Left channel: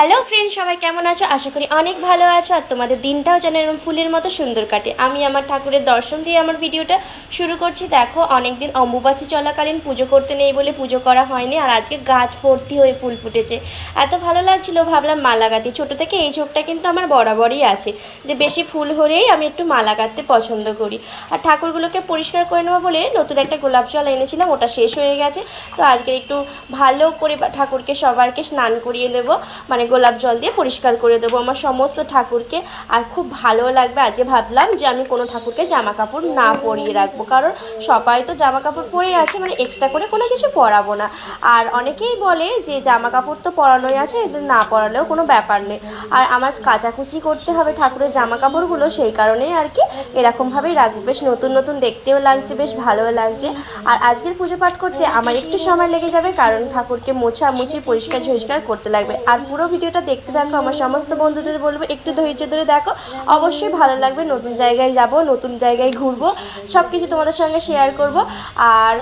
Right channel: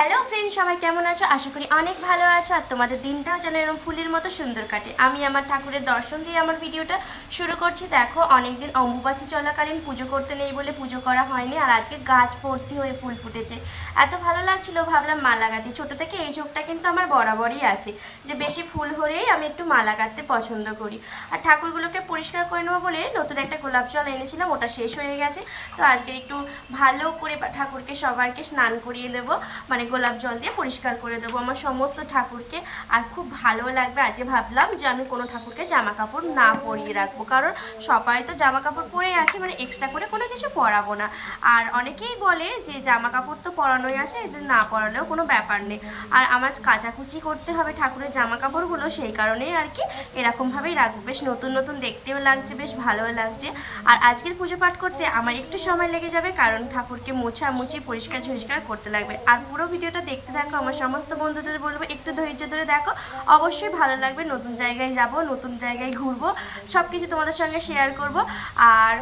Hello friend সবাই কেমন আছো? আশা করি অনেক ভালো আছো আর তোমাদের দিনটাও যেন এরকম ফুলের মতো সুন্দর কাটে। আমি আমার ঠাকুরের দর্শন দিয়ে আমার ভিডিওটা শুরু করছি। দেখো অনেক দিন অম্বুবাচী চলাকালীন পুজো করতে নেই বলে পুজো করা হয়নি আর আজকে গাছ ভর্তি হয়ে ফুল ফুটেছে। এত ভালো লাগছিল, ভাবলাম মালা গাঁথি। ছোটো থেকে এই ঝোঁকটা কিন্তু আমার বরাবরই আছে যে বেশি ফুল হলেই আমি একটু মালা গাঁথতে পছন্দ করি। আর ঠাকুরগুলোকে পরিষ্কার করে নেব বলে নতুন একটা গোলাপ জল এনেছিলাম, ওটা শেষ হয়ে গেছে। তো আজকে একটু ভালো করে ঠাকুরকে সবাইকে স্নান করিয়ে দেবো মানে গোলাপ জল দিয়ে পরিষ্কার করে দেবো। আমার সমস্ত ঠাকুরকে আর খুব ভালো লাগবে। আজকে ভাবলাম যে আমি কোনো ঠাকুরকে জামা কাপড় না পরিয়ে রাখব। কারণ সবাই তো জামা কাপড় পরেই আছে মানে এক্সট্রা করে কোনো কিছু পরাবো না। আর অনেকেই বলে যে জামা কাপড় তো পরানোই আছে এটা না পরালেও কোনো ব্যাপার নেই। আর আমার কাচাকুচি করতে হবে ঠাকুরের জামা কাপড়গুলো সেই কারণেই আর কি এরকমভাবেই রাখব। বেশ নতুন নতুন দেখতেও লাগছে, বেশ ভালোও লাগছে। আর আজকের পুজো পাঠ করতে আমার একটু সময় লেগে যাবে, কারণ ঠাকুরকে মোছা মুছি পরিষ্কার ঝরিষ্কার করতে লাগবে। আর পুরো ভিডিওটা দেখতে থাকো, আমার সমস্ত বন্ধুদের বলব, একটু ধৈর্য ধরে দেখো। অবশ্যই ভালো লাগবে, নতুন জায়গায় যাব, নতুন জায়গায় ঘুরবো সব কিছু তোমাদের সঙ্গে শেয়ার করব। আর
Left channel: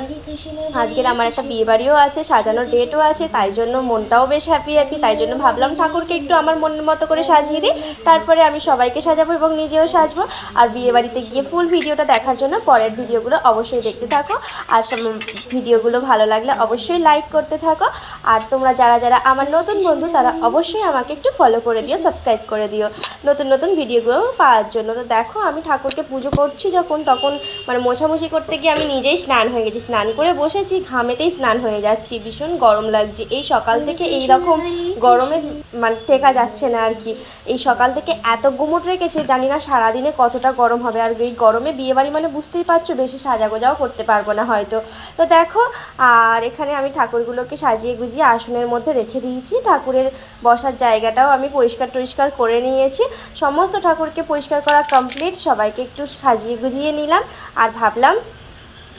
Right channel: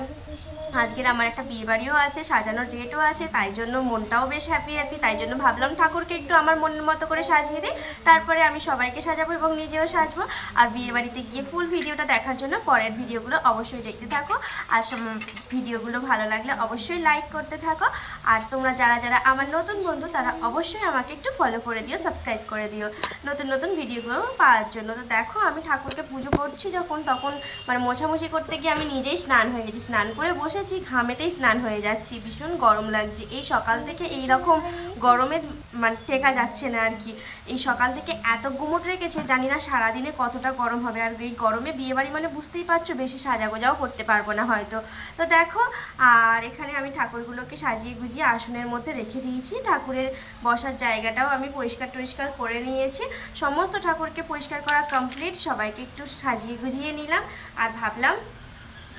আজকের আমার একটা বিয়ে বাড়িও আছে, সাজানোর ডেটও আছে, তাই জন্য মনটাও বেশ হ্যাপি হ্যাপি তাই জন্য ভাবলাম ঠাকুরকে একটু আমার মনের মতো করে সাজিয়ে দিই। তারপরে আমি সবাইকে সাজাবো এবং নিজেও সাজবো। আর বিয়ে বাড়িতে গিয়ে ফুল ভিডিওটা দেখার জন্য পরের ভিডিওগুলো অবশ্যই দেখতে থাকো। আর ভিডিওগুলো ভালো লাগলে অবশ্যই লাইক করতে থাকো। আর তোমরা যারা যারা আমার নতুন বন্ধু, তারা অবশ্যই আমাকে একটু ফলো করে দিও সাবস্ক্রাইব করে দিও। নতুন নতুন ভিডিওগুলো পাওয়ার জন্য। তো দেখো, আমি ঠাকুরকে পুজো করছি যখন, তখন মানে মোছামুছি করতে গিয়ে আমি নিজেই স্নান হয়ে গেছি। স্নান করে বসেছি, ঘামেতেই স্নান হয়ে যাচ্ছি। ভীষণ গরম লাগছে। এই সকাল থেকে এই রকম গরমে মানে টেকা যাচ্ছে না আর কি। এই সকাল থেকে এত গুমট রেখেছে, জানি না সারাদিনে কতটা গরম হবে। আর এই গরমে বিয়েবাড়ি মানে বুঝতেই পারছ, বেশি সাজাগোজাও করতে পারব না হয়তো। তো দেখো, আর এখানে আমি ঠাকুরগুলোকে সাজিয়ে গুজিয়ে আসনের মধ্যে রেখে দিয়েছি। ঠাকুরের বসার জায়গাটাও আমি পরিষ্কার টরিষ্কার করে নিয়েছি। সমস্ত ঠাকুরকে পরিষ্কার করা কমপ্লিট সবাইকে একটু সাজিয়ে গুজিয়ে নিলাম। আর ভাবলাম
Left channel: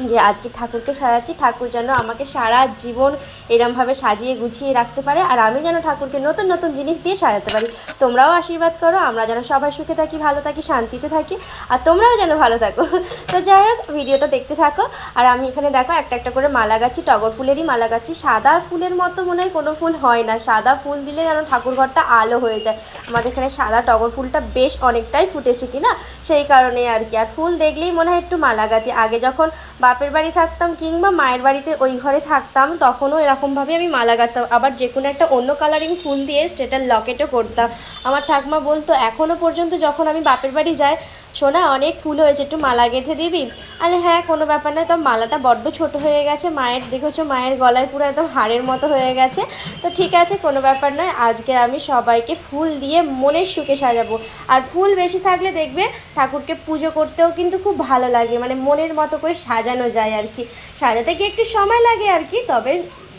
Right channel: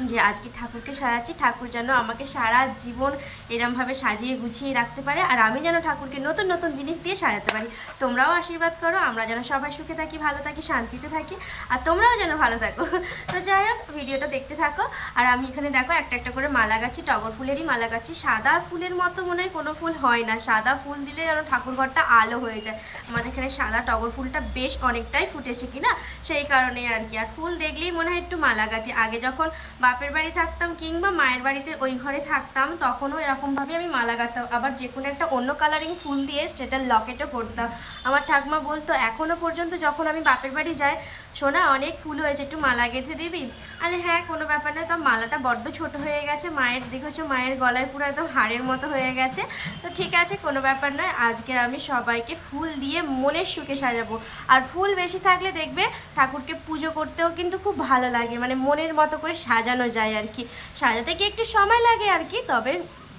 যে আজকে ঠাকুরকে সাজাচ্ছি, ঠাকুর যেন আমাকে সারা জীবন এরমভাবে সাজিয়ে গুছিয়ে রাখতে পারে আর আমি যেন ঠাকুরকে নতুন নতুন জিনিস দিয়ে সাজাতে পারি। তোমরাও আশীর্বাদ করো, আমরা যেন সবাই সুখে থাকি, ভালো থাকি, শান্তিতে থাকি আর তোমরাও যেন ভালো থাকো। তো যাই হোক, ভিডিওটা দেখতে থাকো আর আমি এখানে দেখো একটা একটা করে মালা গাছি টগর ফুলেরই মালা গাছি সাদা ফুলের মতো মনে হয় কোনো ফুল হয় না, সাদা ফুল দিলে যেন ঠাকুর ঘরটা আলো হয়ে যায়। আমাদের এখানে সাদা টগর ফুলটা বেশ অনেকটাই ফুটেছে কি না সেই কারণে আর কি। আর ফুল দেখলেই মনে হয় একটু মালা গাঁথি। আগে যখন বাপের বাড়ি থাকতাম কিংবা মায়ের বাড়িতে ওই ঘরে থাকতাম, তখনও এরকমভাবে আমি মালা গাঁথতাম। আবার যে কোনো একটা অন্য কালারিং ফুল দিয়ে স্টেটার লকেটও করতাম। আমার ঠাকুমা বলতো এখনও পর্যন্ত যখন আমি বাপের বাড়ি যাই সোনা, অনেক ফুল হয়েছে, একটু মালা গেঁথে দিবি? আরে হ্যাঁ কোনো ব্যাপার নয় তো মালাটা বড্ড ছোট হয়ে গেছে, মায়ের, দেখেছ, মায়ের গলায় পুরো একদম হাড়ের মতো হয়ে গেছে। তো ঠিক আছে, কোনো ব্যাপার নয়, আজকে আমি সবাইকে ফুল দিয়ে মনের সুখে সাজাবো। আর ফুল বেশি থাকলে দেখবে, ঠাকুরকে পুজো করতেও কিন্তু খুব ভালো লাগে মানে মনের মতো করে সাজানো যায় আর কি। সাজাতে গিয়ে একটু সময় লাগে আর কি, তবে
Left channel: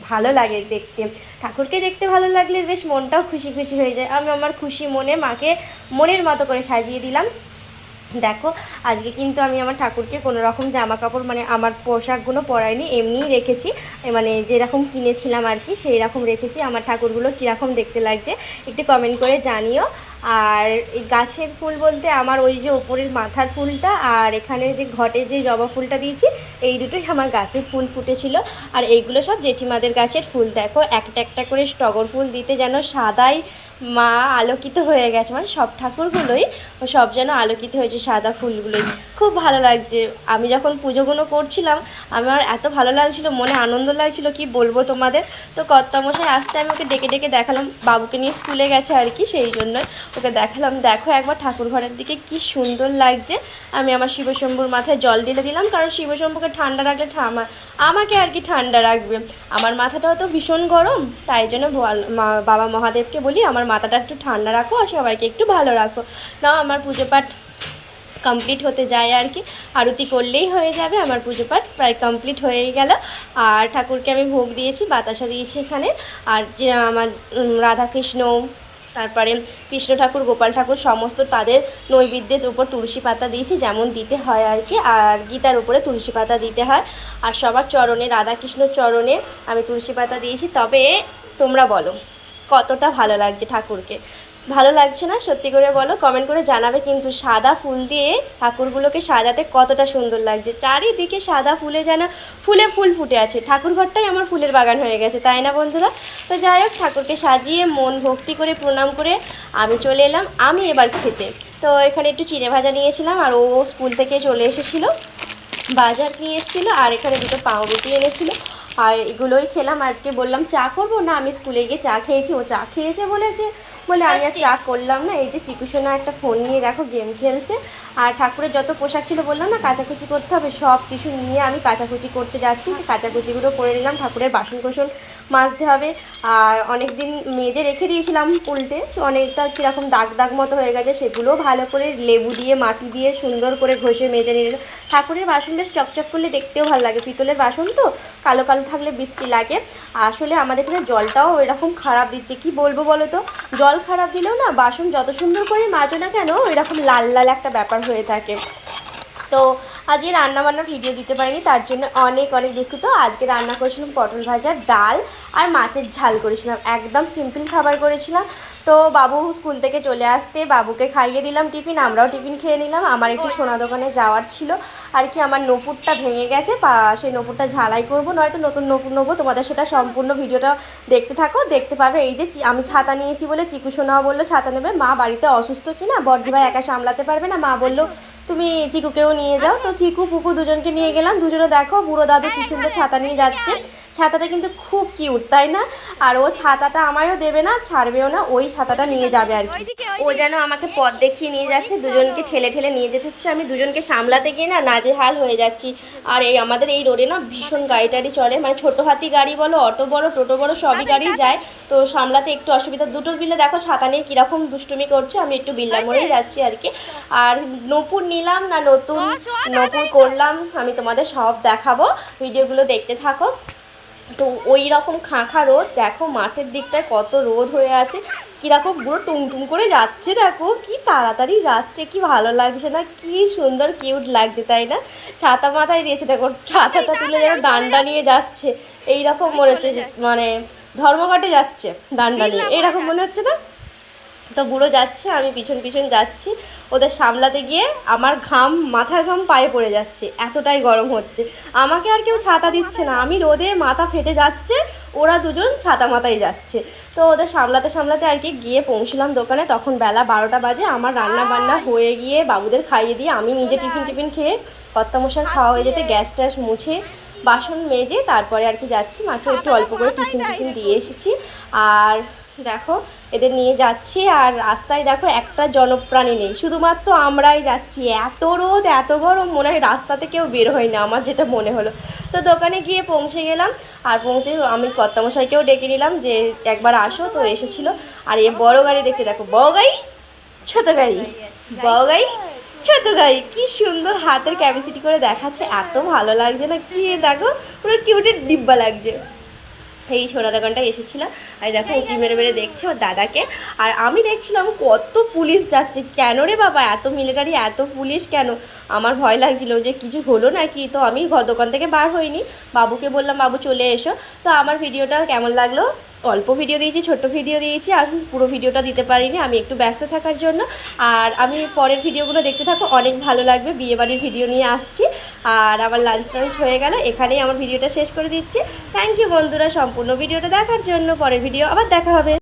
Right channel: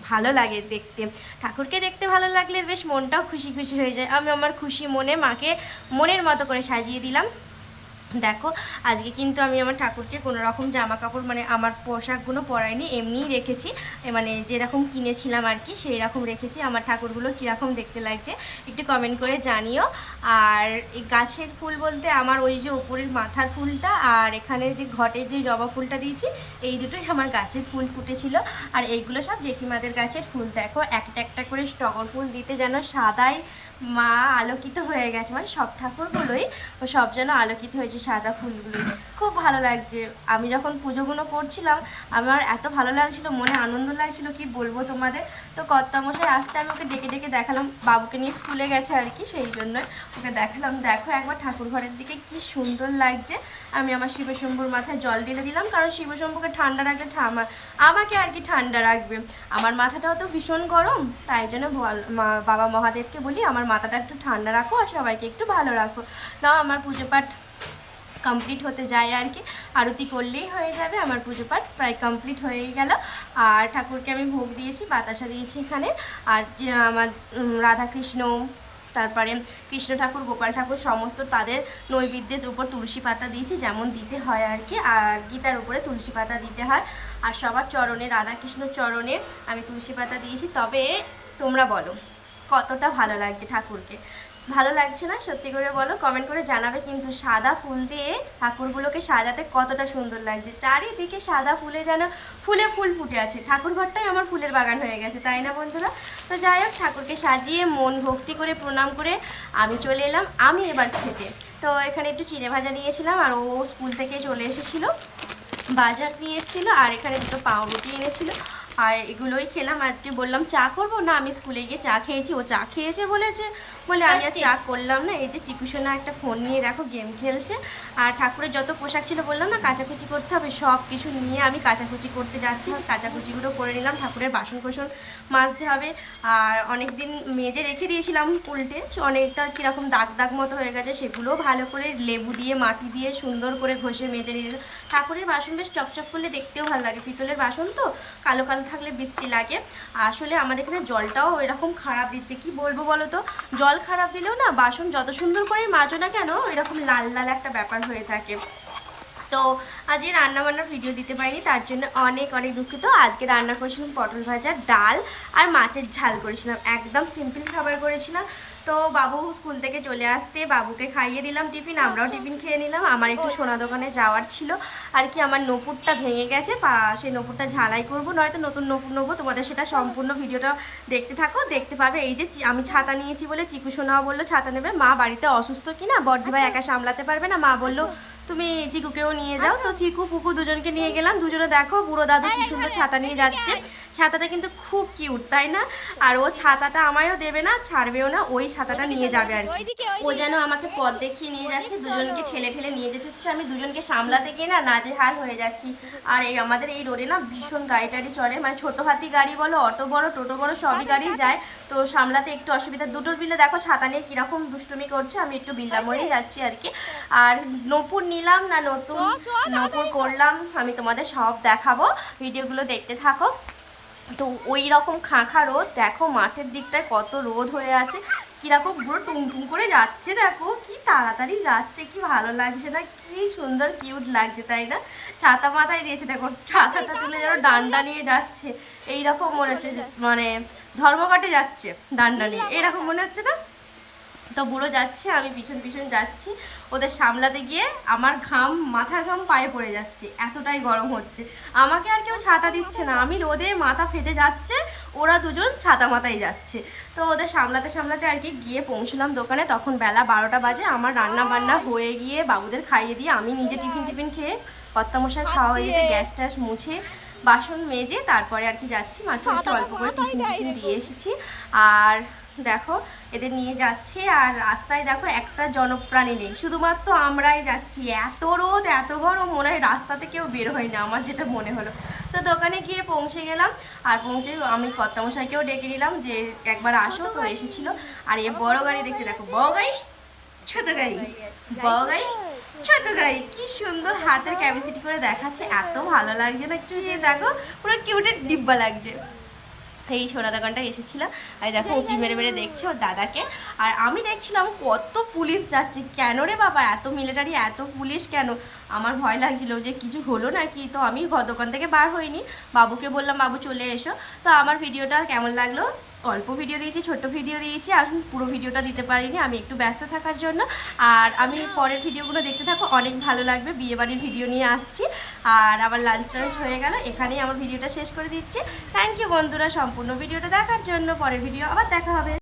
ভালো লাগে দেখতে। ঠাকুরকে দেখতে ভালো লাগলে বেশ মনটাও খুশি খুশি হয়ে যায়। আমি আমার খুশি মনে মাকে মনের মতো করে সাজিয়ে দিলাম। দেখো, আজকে কিন্তু আমি আমার ঠাকুরকে কোনো রকম জামা কাপড় মানে আমার পোশাকগুলো পরাইনি, এমনিই রেখেছি। মানে যেরকম কিনেছিলাম আর কি সেই রকম রেখেছি। আমার ঠাকুরগুলো কীরকম দেখতে লাগছে, একটু কমেন্ট করে জানিও। আর এই গাছের ফুল বলতে আমার ওই যে ওপরের মাথার ফুলটা আর এখানে যে ঘটে যে জবা ফুলটা দিয়েছি, এই দুটোই আমার গাছের ফুল ফুটেছিল। আর এইগুলো সব জেঠিমাদের গাছের ফুল। দেখো, একটা একটা করে টগর ফুল দিতে যেন সাদাই মা আলোকিত হয়ে গেছে। মানে সব ঠাকুরগুলোই ও সব যেন আলোকিত হয়েছে সাদা ফুলগুলোই। খুব ভালো লাগছে। আমি যখন পুজোগুলো করছিলাম, আমার এত ভালো লাগছিল, মনে আনন্দ লাগছিল, কি বলব তোমাদের? তো কর্তামশাই আসতে আমি ওকে ডেকে ডেকে দেখালাম, বাবুকে নিয়ে স্কুলে গেছে আর কি, সেই জন্যই ওকে দেখালাম। দেখো একবার ঠাকুর ঘরের দিকে কি সুন্দর লাগছে। আমি আমার শিবশম্ভুর মাথায় জল ঢেলে দিলাম, কারণ শিবশম্ভুকে ঠান্ডা রাখলে ঠামা আমাকে আর কি ঠান্ডা রাখবে। আমার মাথাটাও তো ভীষণ গরম, তাই জন্য বাবা মহাদেবকে বলি আমার মাথাটা একটু ঠান্ডা রাখো আর সবাইকে একটু ভালো রাখো। না আমার পুজো পাঠ কমপ্লিট হতে যায় আর কি। আরতি করলেই হয়ে যাবে, আমার পুজো পাঠ প্রায় কমপ্লিট হয়ে গেল। আর ঠাকুরকে আমি ভোগ দিয়েছি, বাতাসা দিয়েছি এখানে। আর যে আমার রাধাকৃষ্ণ, তারপরে কৃষ্ণ ঠাকুর, গোপাল ঠাকুর, সমস্ত তাদের নৈবেদ্যের উপর তুলসী পাতা দিয়েছি, যেমন দিতে হয় আর কি। আর গীতার উপরে তুলসী পাতা দিতে হয়। আর সবার চরণে, রাধাকৃষ্ণ চরণে আমি তুলসী পাতা দিয়েছি। তবে তোমরা বলো কতটা ভালো লাগছে ঠাকুরকে। ভালো লাগছে না? সত্যি করে বলো কমেন্ট করে জানাবে কিন্তু সাদা ফুল দিয়ে ঠাকুরগুলোকে সাজাতে কতটা সুন্দর লাগছে। চারিদিকে সাদা ফুলে যেন, ফুলে ফুল ফুটে আছে। ঠাকুর ঘরটাই আমার ফুলের বাগান হয়ে গেছে, তাই না বন্ধুরা? তো যাই হোক, ঠাকুরকে সাজিয়ে মন ভক্তি করে, প্রণাম করে আমি চলে এলাম, আমি এবার খেতে। তো এখানে একটু চিড়ে ভাজা নিয়েছিলাম আর ও স্কুল থেকে চলে এসেছিল, বাজার নিয়ে এসেছিল আর এখানে দুটো পাউরুটি এনেছিল। আর এগুলোই খেলাম আজকে বললাম চা করব? না আমি স্কুলে গিয়ে চা খেয়েছি ও চা খেয়েছে বলেছে। বলে আমি আর চা করলাম না। এই যে চিকুসোনা একটা ফোন নিয়ে দেখো গেম খেলছে। আর ঠাকুরের যত পোশাক ছিল বললাম না কাচাকুচি করতে হবে সব কিছু নিয়ে আমি কাচাকুচি করতে যাচ্ছি। যে কাচাকুচিগুলো করে নিলাম ঠাকুরের বাসন কোসন মাজতে হবে। আর অনেক দিন মেজে রেখে দিয়েছিলাম উল্টে অনেকটা কীরকম দাগ দাগ মতো হয়ে গেছে সেগুলো ভালো করে লেবু দিয়ে মাটি দিয়ে সুন্দর করে ঘষে মেজে নিয়ে ঠাকুরের বাসন বেশ চকচক করলে দেখতেও ভালো লাগে। পিতলের বাসন তো কালো কালো থাকলে বৃষ্টি লাগে। আসলে আমাদের এখানে জলটাও এরকম খারাপ দিচ্ছে। কি বলব বলো তো? জল খারাপ দিলেও না বাসন যত সুন্দর করে মাজো না কেন, এরকম লাল লাল একটা ব্যাপার হয়ে থাকে। তো আজকে রান্নাবান্নার ভিডিও দিতে পারিনি, তার জন্য অনেক অনেক দুঃখিত। আজকে রান্না করেছিলাম পটল ভাজা, ডাল আর মাছের ঝাল করেছিলাম। একদম সিম্পল খাবার করেছিলাম। তো বাবু স্কুল থেকে চলে আসতে বাবুকে খাইয়ে দিলাম টিফিন, আমরাও টিফিন খেয়ে নিলাম। আমার একটু সোনা দোকানে যাওয়ার ছিল। আর কি আমার নপুরটা ভেঙে গেছে সেই নপুরটা ঝালাই করব, নয়তো নতুন নপুর নেব। তোমাদের সেটা সম্পূর্ণ ভিডিওটা দেখতে থাকো, দেখতে পাবে এই যে আমি ছাতা নিয়েছি বলে চিকু সোনাও বলল, ছাতা নেবে। মা বাড়িতে অসুস্থ কিনা ভাই একা সামলাতে পারবে না। মা বলল তুমি চিকুকেও নিয়ে যাও। তো চিকু পুকু দুজনকে নিয়ে গেলাম। দুজনে দেখো বুড়ো দাদু কি সুন্দর ছাতা নিয়ে যাচ্ছে। ছাতাটা কিন্তু খুব কিউট তাই না? আর ও ছাতাটা আমায়ও দেবে না ছাড়বেও না ওই ছাতাটা নিয়ে যাবে আর কি। ও যেন আমাকে পথ দেখিয়ে নিয়ে যাচ্ছে দুজনকে ঠেলে ঠেলে নিয়ে যেতে হচ্ছে। আমি দুজনকে সামলাতে গিয়ে না নাজেহাল হয়ে যাচ্ছি। আর এই আমাদের এই রোডে না ভীষণ গাড়ি টাড়ি চলে। মানে ছোটো হাতি গাড়ি বলো অটো বড় টোটো বড় সবই গাড়ি যায়। তো সামলাতে একটু অসুবিধা। দুটো বিলে দেখো ছাতা নিয়ে কীরকম দুষ্টুমি করছে। আমি একটু বিল্লা মোড়েই যাচ্ছি আর কি। আর নপুর নিলাম না নতুন নপুর করলাম, আমি তোমাদের সব দেখাবো, ভিডিওগুলো দেখতে থাকো। তো ওই রকম খাঁখা রোদ, দেখো মাঠের দিকটায় কত রোদ হয়ে আছে, কীরকম পুরো টুংটুং করে যাচ্ছে, দেখো কি তাড়াতাড়ি যাচ্ছে, কি ভালো লাগছে না, কি সুন্দর কিউট লাগছে, তাই না? ছাতা মাথায় দিয়েছে, দেখো ছাতাটা তুলে যেন ডান্ডা নিয়ে যাচ্ছে এই রকম মনে হচ্ছে মানে ধর্মঘটে যাচ্ছে, ডান্ডা নিয়ে এরকম মনে হচ্ছে না? তো বুড়ো যাচ্ছে, আমি পিছন পিছন যাচ্ছি। ওদের সামলাতে গিয়ে আমার ঘাম, মাথার ঘাম পায়ে পড়ে যাচ্ছে, এতটাই গরম হচ্ছে। আমাকে আর কেউ ছাতা দিচ্ছে না, আমি রোদে মাথা ফেটে যাচ্ছে, ওরা দুজন ছাতা মাথায় যাচ্ছে। তো ওদের সামলাতে সামলাতে আর কি গিয়ে পৌঁছলাম দোকানে, তখন বেলা বারোটা বাজে, আমার রান্না বান্না হয়ে গিয়ে বাবুদের খাইয়ে দিয়ে আমি নিজে টিফিন টিফিন খেয়ে কর্তামশার খাওয়া হয়ে যেতে গ্যাস ট্যাস মুছে বাসন মেজে তারপরে আর কি যাচ্ছি। মাকে একটু অল্প করে টিফিন টিফিন দিয়ে এসেছি। আর দেখো, এদের নিয়ে যাচ্ছি। আর রাস্তায় দেখো, একটা জনপ্রাণী নেই। শুধুমাত্র আমরাই যাচ্ছি। এত রোদ, এত গরম, মনে হয় রাস্তাতে কেউ বের হয় না, আমার যেটা মনে হলো। তো দোকানে গিয়ে পৌঁছে গেলাম। আর পৌঁছে আমি কর্তামশাইকেও ডেকে নিলাম যে, একবার আসো। তো এসেছিল। আর এ বড় গাড়ি দেখছে দেখো, বড় গাড়ি, ছোট গাড়ি। বড় গাড়ি ছোট গাড়ি কি সুন্দর হাতের ক্যাপাসিটি করে দেখাচ্ছে, এত ভালো লাগছে না, কি দেখো, পুরো কিউটের ডিব্বা লাগছে। এই সোনা দোকানটায় এসেছিলাম, আর দেখো, উকি মেরে মেরে দেখছে ওর দাদাকে, আর আমি দেখছিলাম কত পুলিশ যাচ্ছে, কেন রে বাবা, এত মিলিটারি এত পুলিশ কেন? আমার ভয় লাগছিল যে কিছু হলো নাকি, তো আমি ঘর দোকান থেকে বার হইনি। বাবুকে বললাম, বাবু চলে এসো। তো আমার ভিডিওটা কেমন লাগল? অল্প ভিডিও দিয়েছি, ছোট্ট ভিডিও দিয়েছি, আর পুরো ভিডিওটা দিতে পারিনি। আমি একটু ব্যস্ত থাকার জন্য। আর আমি পরের ভিডিওগুলো দেখতে থাকো, অনেক ভালো লাগবে। বিয়েবাড়ির ভিডিও নিয়ে আসছি। আর আমার লাঞ্চ টাঞ্চ হয়ে গেল, এখানেই আমার ভিডিওটা শেষ করে দিচ্ছি। থ্যাংক ইউ বন্ধুরা, সম্পূর্ণ ভিডিওটা দেখার জন্য। পরের ভিডিও আবার দেখা হবে।